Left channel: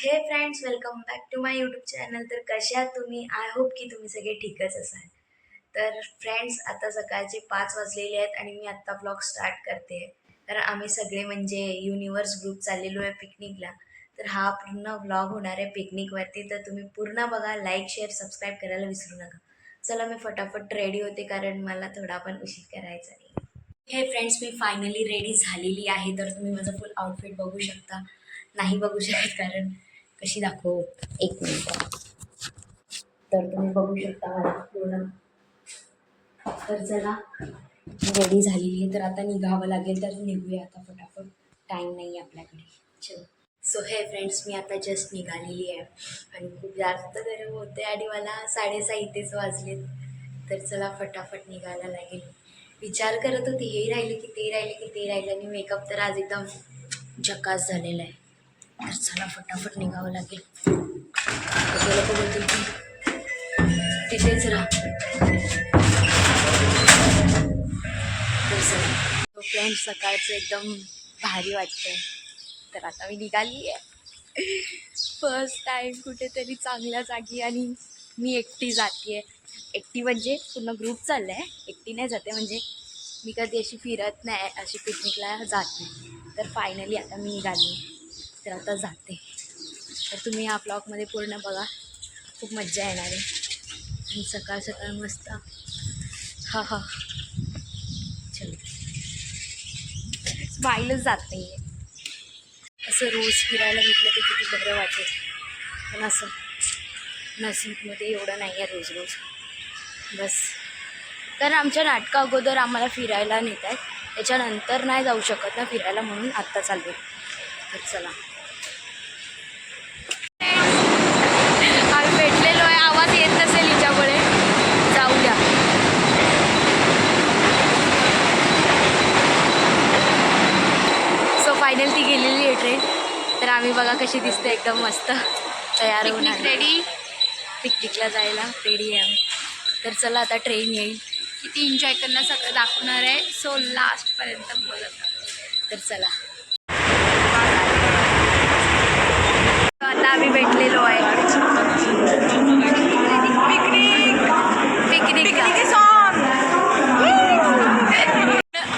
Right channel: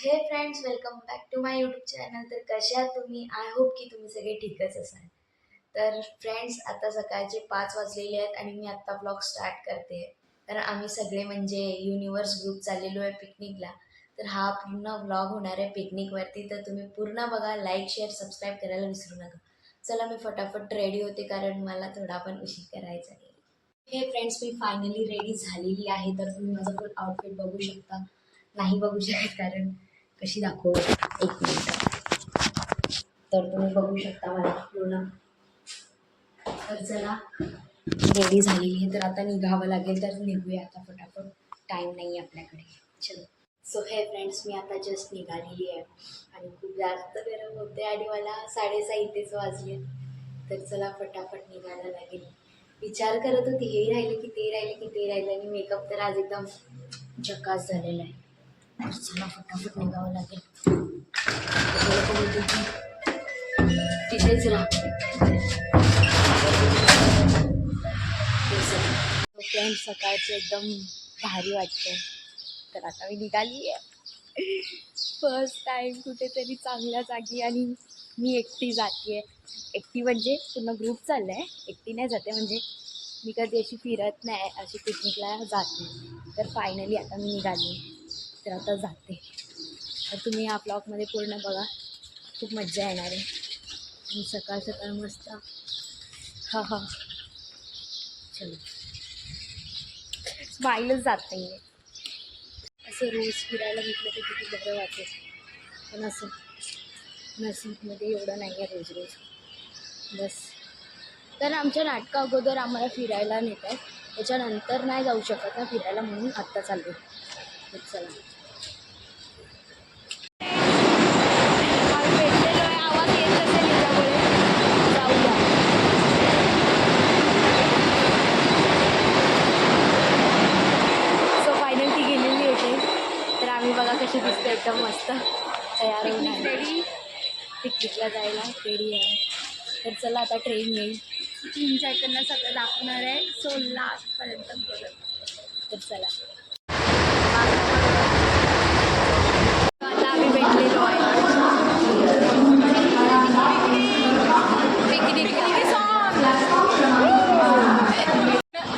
हे friends, welcome back to my YouTube channel. तर कशा आहात तुम्ही? आय होप की तुम्ही सगळे ठीकच असाल. तर फ्रेंड्स, आता सकाळचे 5 वाजलेले आहेत आणि मी आत्ता ब्लॉग स्टार्ट करते. कारण आम्ही सगळे म्हणजे युनिवर्स ग्रुप चाललेलो आहे पिकनिकला. तर हा पूर्ण व्लॉग होणार आहे पिकनिकवरती. तर तुम्ही पूर्ण बघा, लाईक शेअर सबस्क्राईब करायला विसरू नका. चला मी फटाफट रेडी होते कारण मला थोडा पण उशीर करायचा नाही. हे फ्रेंड्स, मी फायनली रेडी झालेली आहे. तर तुम्ही माझं फुल आउटफिट बघू शकता. नाही बघू शकत कारण कशी दाखवू, एक मिनिट. तर तुम्ही बघू शकता मला पूर्ण. तर चला, रेडी झालेली आहे. तर आता निघावं लागेल. तर निघूया आता फटाफट, टाईम नाही आपल्याकडे. चलो. सो हे फ्रेंड्स, मी आता जस्ट निघालेली आहे आणि खूप जास्त गरम होते आणि मला 6:30 इथेच वाजलेत. तर चला फटाफट निघायला लागेल. विचार करत होती हे राहिले की ते राहिले की ते राहिले आणि मेकअप तर आज एकदम झकास झालेला आहे. तर चला फटाफट निघावं लागेल. लोक बोलतील की तिथेच राहा. तर फ्रेंड्स, सकाळचं एकदम भारी वाटतंय. तर आता मी निघाली आहे फर्स्ट टाईम कुठेतरी चांगल्या जागी आणि मी एकटी जाते आहे. एकटी म्हणजे पूर्ण ग्रुप चालला आहे, एकटी नाही जाते. म्हणजे मी कधी अशी फिरत नाही, अशी पिकनिकला जात नाही. तर फायनली आता मी निघाली, तर आता जाते. तर तुम्ही या ब्लॉगमध्ये पूर्ण बघा, खूप मज्जा येणार आहे. आणि सकाळ सकाळ मस्त हा हा चलो. स्माईलच जात नाही आहे. असं रोज फिरायला भेटलं तर किती बरं वाटेल, पण असं नसीबमध्ये एवढं नाही आहे रोज रोज. बस, कारण आमच्या नाटका अगोदर आम्हाला फिरायला नेत आहेत, त्याच्यानंतर नाही जाऊ शकत ना फिरायला, म्हणून आत्ता चाललो. तर चला, आम्ही भेटलेलो आहे. आवाज येत नसेल हिच्यामुळे, जाऊ द्या. सो फायनल ती गेलेली आहे ट्रेन. तर आम्ही बघा कशी दिसते, एकदम मस्त तयार होऊन रेडी, पिकनिकला जायला रेडी आहे आम्ही. तर चला, आता ट्रेन येईल, किती एन्जॉय करणं सगळं दाखवणार आहे. सो लास्टपर्यंत बघत. तर चला, आता आम्ही भेटलेलो आहे पिकनिक.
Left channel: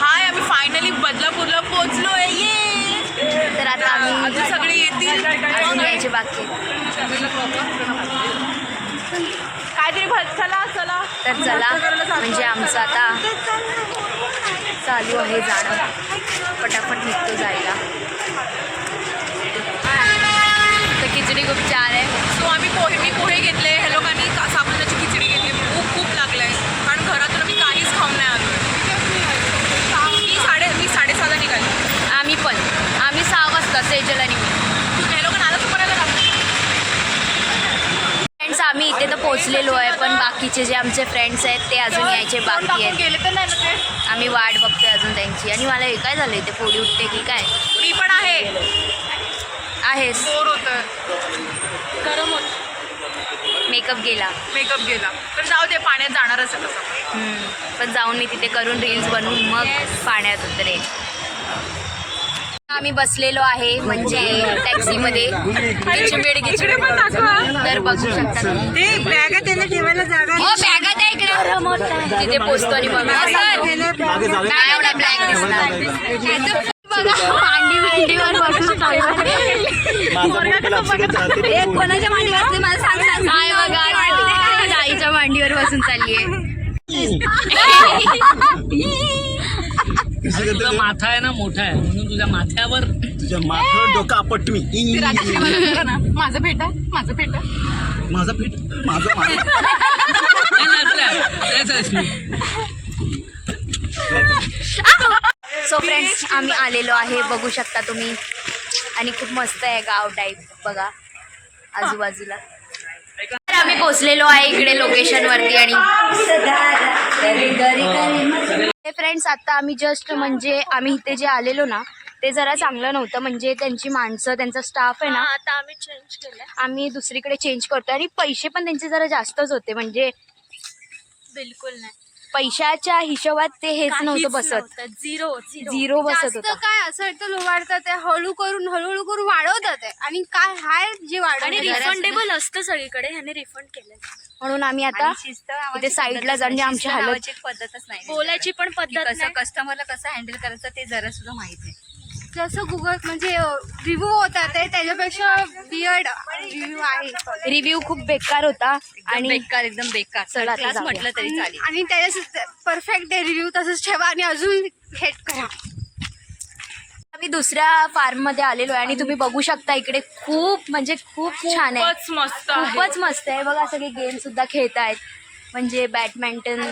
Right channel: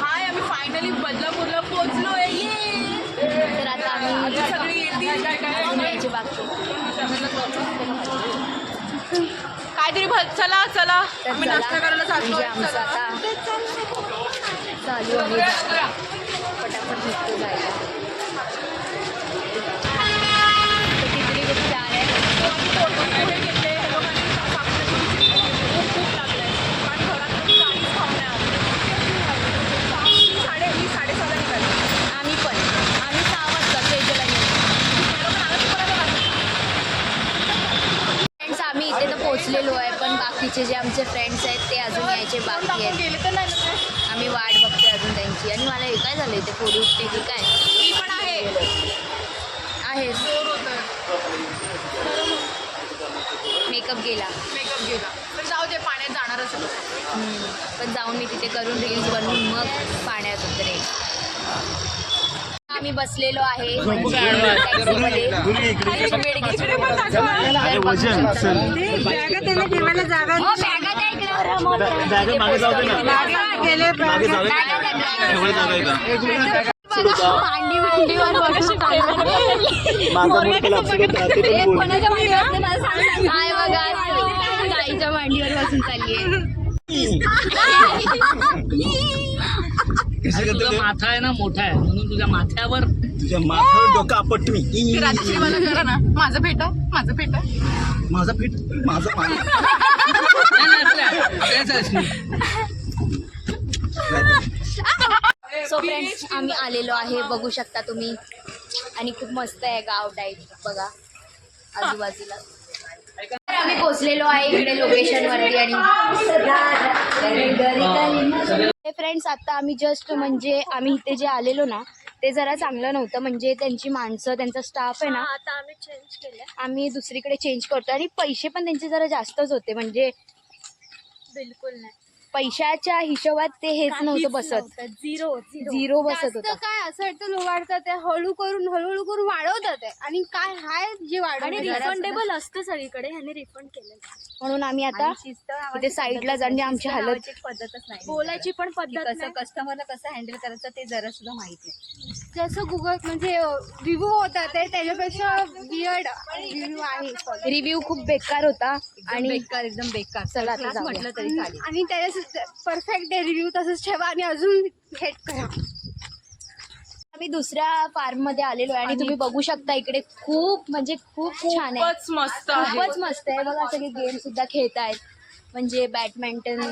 हाय, आम्ही फायनली बदलापूरला पोहोचलो आहे. ये, तर आता आम्ही अजून सगळे येतील, अजून यायचे बाकी. काहीतरी चला चला. तर चला, म्हणजे आमचं आता चालू आहे जाणं. पटापट निघतो जायला. तर खिचडी खूप छान आहे. तो आम्ही पोहे घेतले, ह्या लोकांनी साबुदाण्याची खिचडी घेतली. भूक खूप लागलाय कारण घरातून मी काहीच खाऊन नाही आलो. मी 6:30ला निघाली. आम्ही 6 वाजता सेजल आणि ह्या लोकांना आलं तर करायला लागलं. फ्रेंड्स, आम्ही इथे तर पोहोचलेलो आहे, पण बाकीचे जे आमचे फ्रेंड्स आहेत ते अजून यायचे बाकी आहेत. गेले तर नाही ना ते. आम्ही वाट बघतोय अजून त्यांची. आणि मला हे काय झालं, इथे फोडी उठते की काय? मी पण आहेस. बोर होतं, गरम होत, मेकअप गेला. मेकअप गेला. तर जाऊ दे, पाण्यात जाणार असेल तसं. पण जाऊन मी तिथे करून रील्स बनवून मग पाण्यात उतरेन. आम्ही बसलेलो आहे म्हणजे टॅक्सीमध्ये. तर बघू शकता तुम्ही. ते बॅगा त्यांनी ठेवायला जागा हो, बॅगा द्या इकडे. तिथे पोचतो आणि मग नाही एवढा ब्लॅक दिसणार. मांडी मांडीवर बसून एक कोणाच्या मांडीवर असते मला सांग. काय बघा, आईच्या मांडीवर बसून चालली आहे. तुझा माथा आहे ना मोठा आहे, म्हणून तुझ्या माथ्यावर तुझ्या माथ्यावर डोकं आपट मी. माझं पेट माझं पेट माझा पीठ माझं सो फ्रेंड्स, आम्ही आलेलो आहे, बघू शकता तुम्ही. आणि खूप मस्त आहे गाव टाईप, बघा आजूबाजूला. तर आम्ही पोचलेलो आहे इकडे लोकेशनवरती. आणि फ्रेंड्स, आता आम्ही जस्ट म्हणजे आम्ही इथे जे आलेलो ना, ते जरा चांगलं नव्हतं. म्हणजे त्यांची माणसं, त्यांचा स्टाफ आहे ना, आता आम्ही चेंज केलं. आम्ही दुसरीकडे चेंज करतो आणि पैसे पण त्यांचे जरा जास्तच होते. म्हणजे बिलकुल नाही. पैशाच्या हिशोबात ते हेच नव्हतं बसत. झिरो बसत जास्त होतं. काय असं वाटतं वाढतात ते हळूहळू करून वाढवतात ते. आणि काय हाय जे आणि वाढवतात रिफंडेबल असतं सगळीकडे, ह्याने रिफंड केलं. म्हणून आम्ही आता इथे साईडला जाऊन आमची हालत पद्धतच नाही बोलायची पण पद्धत कसं नाही. कस्टमरला कसं हँडल करायचं ते जरा सुद्धा माहित नाही. जसं गुगल म्हणजे रिव्ह्यू होतात ते त्याच्यापेक्षा वियर्ड रिव्ह्यू आहे. रिव्ह्यू खूप बेकार होता आणि आणि एकदम बेकार चला आता क्लास जाऊया. म्हटलं तरी चालेल. आणि त्याच्या परफेक्ट रिव्ह्यू तसंच ठेवा आणि अजून हेट करा. आम्ही दुसऱ्या फार्म मध्ये आलेलो आहे आणि तुम्ही बघू शकता इकडे खूप म्हणजे खूप छान आहे. खूपच मस्त खूपच मस्त आहे बघा. सगळे गेम सुद्धा खेळतायत म्हणजे बॅडमिंटन.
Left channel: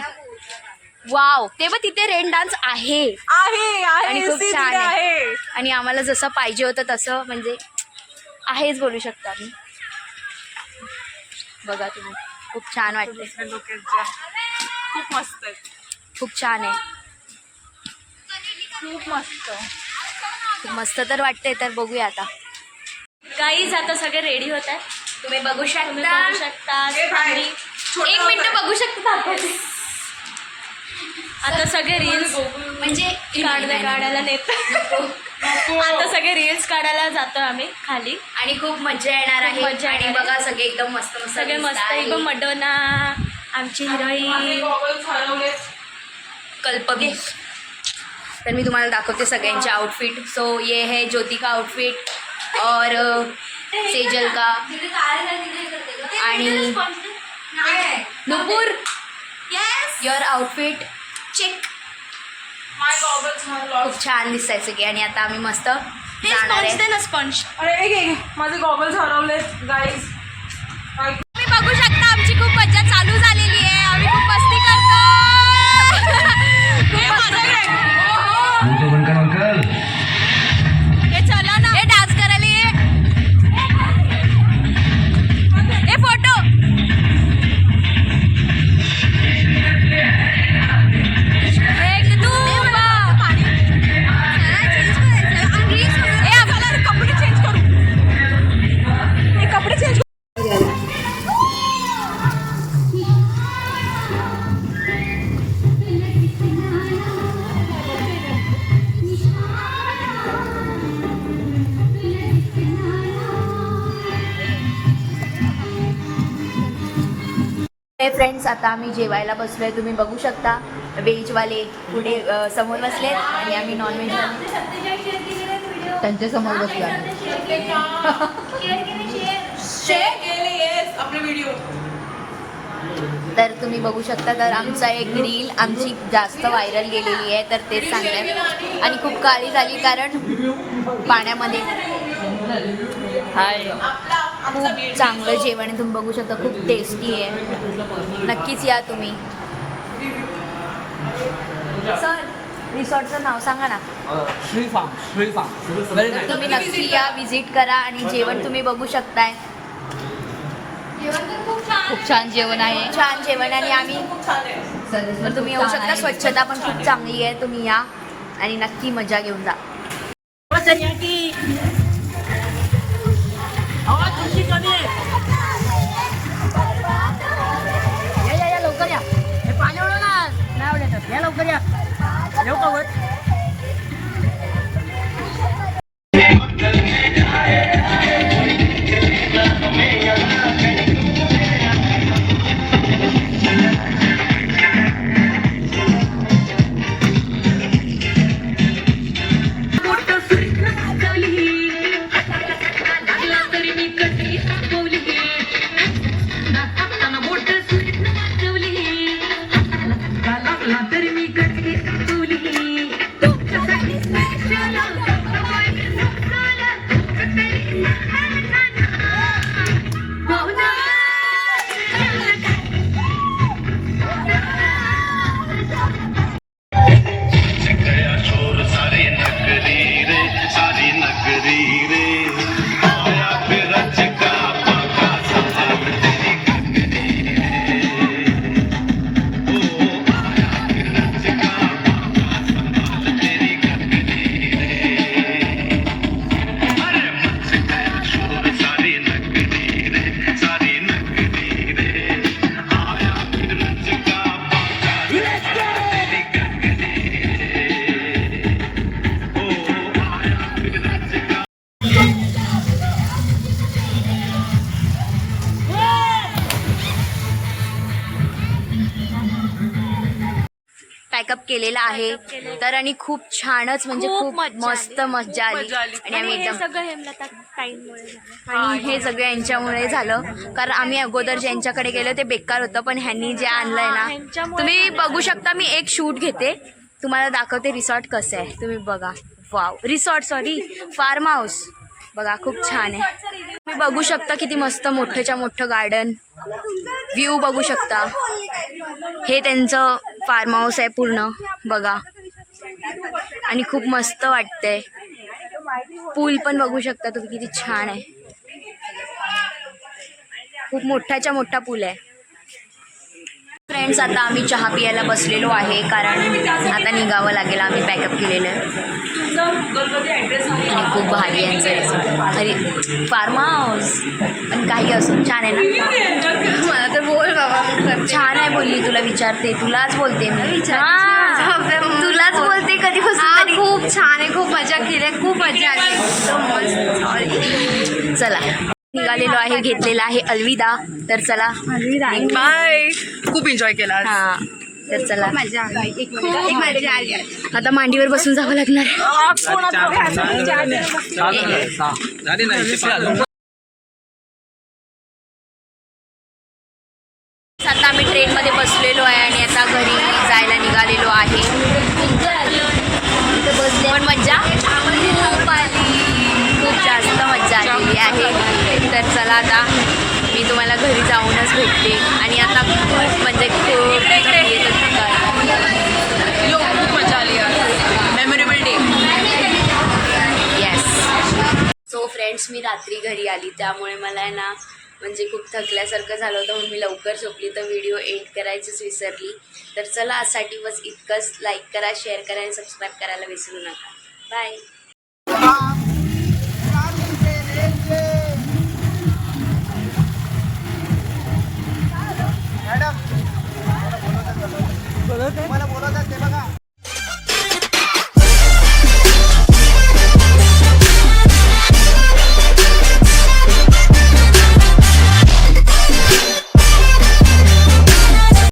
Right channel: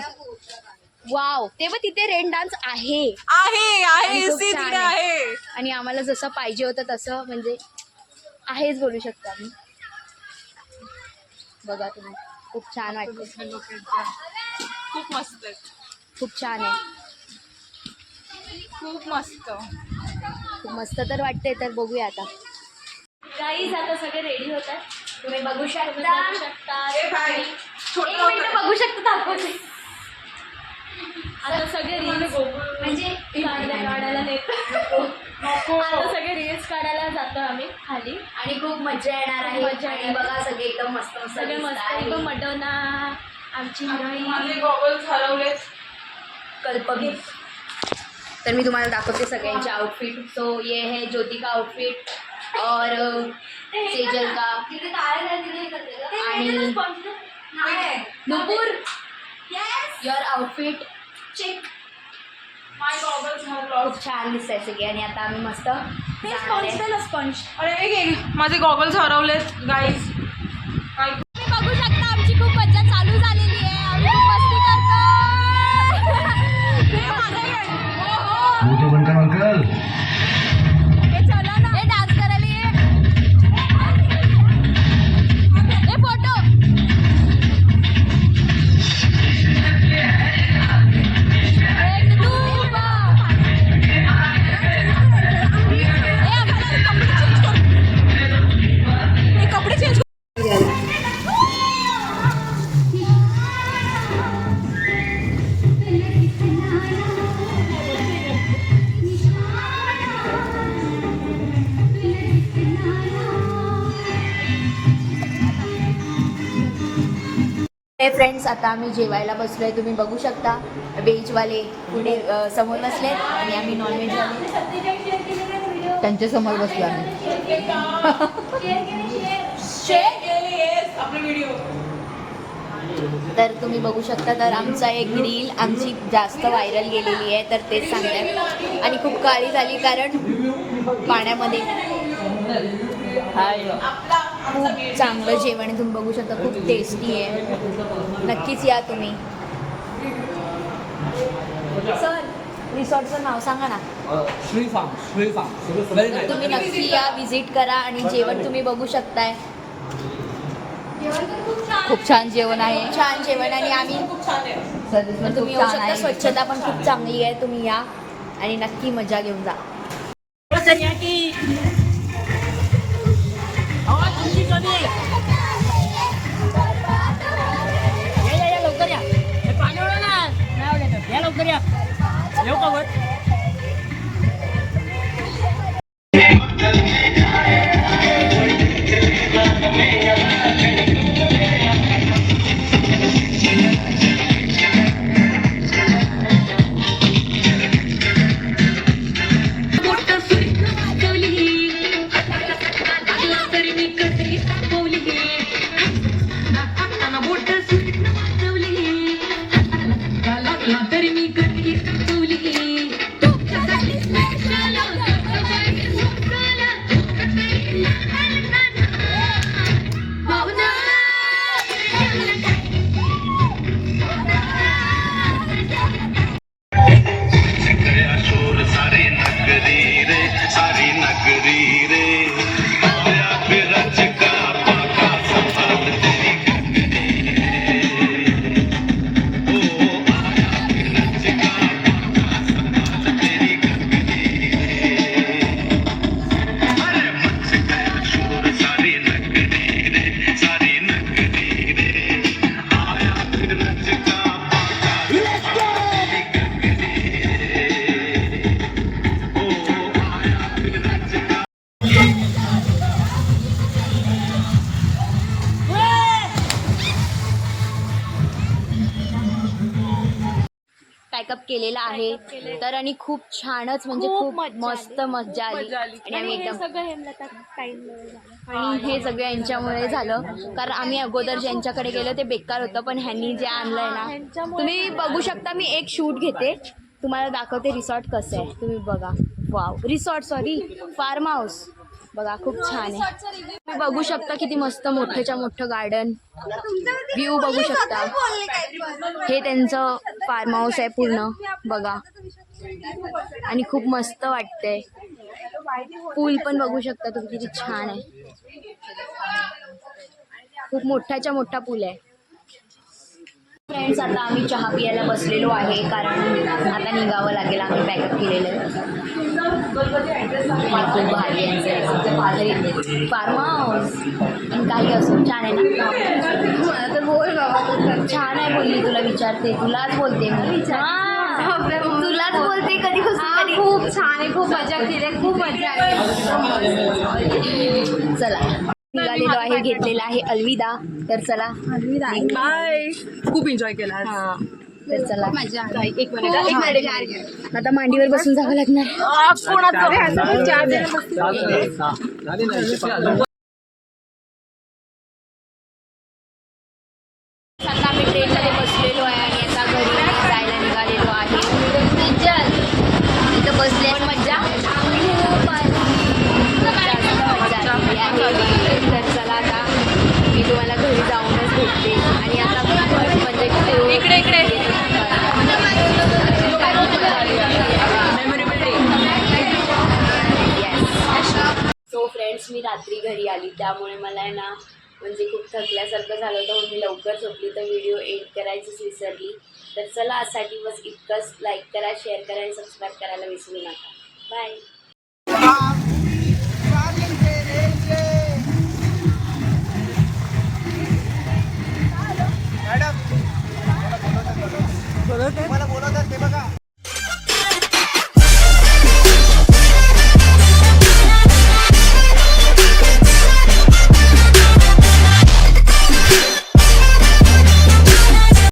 वाव, ते बघ तिथे रेन डान्स आहे आणि खूप छान आहे. आणि आम्हाला जसं पाहिजे होतं तसं म्हणजे आहेच बोलू शकता मी. बघा तुम्ही खूप छान वाटते. खूप मस्त आहे. खूप छान आहे. खूप मस्त. खूप मस्त तर वाटते. तर बघूया आता. गाईज आता सगळे रेडी होत आहे. तुम्ही बघू शकता. शकता एक मिनिट बघू शकता. आता सगळे रील्स म्हणजे काढायला नेतो. आता सगळे रील्स काढायला जातो आम्ही खाली. आणि खूप मजा येणार आहे. मजा आणि येणार. बघा सगळे एकदम मस्त मस्त सगळे मस्त दिसताय. एकदम मडोना, आमची हिरोईन कल्पवी. तर मी तुम्हाला दाखवते सगळ्यांचे आउटफिट. सो ये है ज्योति का आउटफिट और सेजल का आणि नुपुर. Your outfit check. खूप छान दिसताय सगळे. आणि आता आम्ही मस्त जाणार आहे. स्पंज. माझे गॉगल्स हरवलेत गाईज. तुम्ही बघू शकता आमची खूप मजा चालू झालेली आहे. आम्ही खूप मस्ती करतो. खूप मस्त. हे चला ना. हे डान्स करायला ये. हे फोटो. एक दो फ्रेंड्स, आता आम्ही जेवायला बसलोय. तुम्ही बघू शकता व्हेजवाले पुढे समोर बसले आणि आम्ही नॉनव्हेजवाले त्यांच्या समोर बसले. तर तुम्ही बघू शकता. तर आमचा एक रील आमची जास्त व्हायरल गेलेली आहे. तर तेच सांगतात. आणि खूप काळी झाली कारण पाण्यामध्ये. खूप चांगलं जेवण आहे. तुम्ही बघू शकता खूप टेस्टी आहे. नक्कीच या तुम्ही. सर रिसॉर्टचं नाव सांगा ना. Shri farm very nice. तुम्ही नक्की या, विजिट करा. आणि जेवण तुम्ही बघू शकताय. खूप छान जेवण आहे. छान जेवण आहे. आणि आम्ही पण तुम्ही येऊ शकता. स्वच्छता पण खूप चांगली आहे. तुम्ही या आणि नक्की मजा घेऊन जा. या लवकर या. हे पाणी ओढा ना. नाही आवडत. या लवकर या. येऊ का वर? पॅकअप केलेला आहे तर आणि खूप छानच म्हणजे खूप मस्त मजा आली आणि आम्ही एकदम सगळं हेमलता ताईंमुळे झालं. आणि हे सगळं यांच्यामुळे झालं कारण आम्ही अगोदर ज्यांच्याकडे गेलो ते बेकार होतं पण ह्यांनी जे आणलंय ना तुम्ही बघू शकता. मी एक शूट घेते तुम्हाला दाखवते रिसॉर्ट कसं आहे तुम्ही बघा. Wow resort sorry farm house बघा खूप छान आहे. तुम्ही बघू शकता किती मस्त मोठंच्या मोठं गार्डन व्ह्यू बघू शकता. हे त्यांचं फार्म हाऊस आहे पूर्ण बघा आणि खूप मस्त वाटतंय. पूल पण बघू शकता तुम्ही किती छान आहे. खूप मोठाच्या मोठा पूल आहे. फ्रेंड्स आता आम्ही चहा पियायला बसलेलो आहे कारण आता निघावं लागेल. आम्ही पॅकअप केलेलं आहे आणि खूप भारी आहे यांचं रिसॉर्ट अरे फार्म हाऊस पण काही असो छान आहे ना. मला तर बोल बाबा छान आहे बोलली. तुला विचारते तुलाच बोलते मी तुलाच बोलते कधीपासून. खूप छान आहे. खूप मजा केली. खूप मजा आली. चला निघालेलो आहे. घेतलेला आहे अलविदा. तर चला बाय. खूप एन्जॉय केला आज. हां तर चला मजा आली. एक मजा आली. आता मांडीवर बसून जावं लागणार. आता आम्ही ट्रेनमध्ये बसलेलो आहे आणि आता घरी जायला निघालेलो आहे. इथं बसले पण मज्जा खूप आली. खूप जास्त मज्जा आलेली आहे. तर चला आता मी तुम्हाला घरी जाऊनच भेटते आणि आता म्हणजे इकडे. खूप मजा आली यार. Memorable day. Yes. So friends मी रात्री घरी आली त्यामुळे मला आहे ना म्हणजे खूप थकल्यासारखं झालं होतं म्हणून मी लवकर झोपली तर व्हिडिओ एंड करायचीच विसरली. तर चला आजसाठी बस इतकंच. लाईक करा शेअर करा आणि सबस्क्राईब करायला विसरू नका. बाय.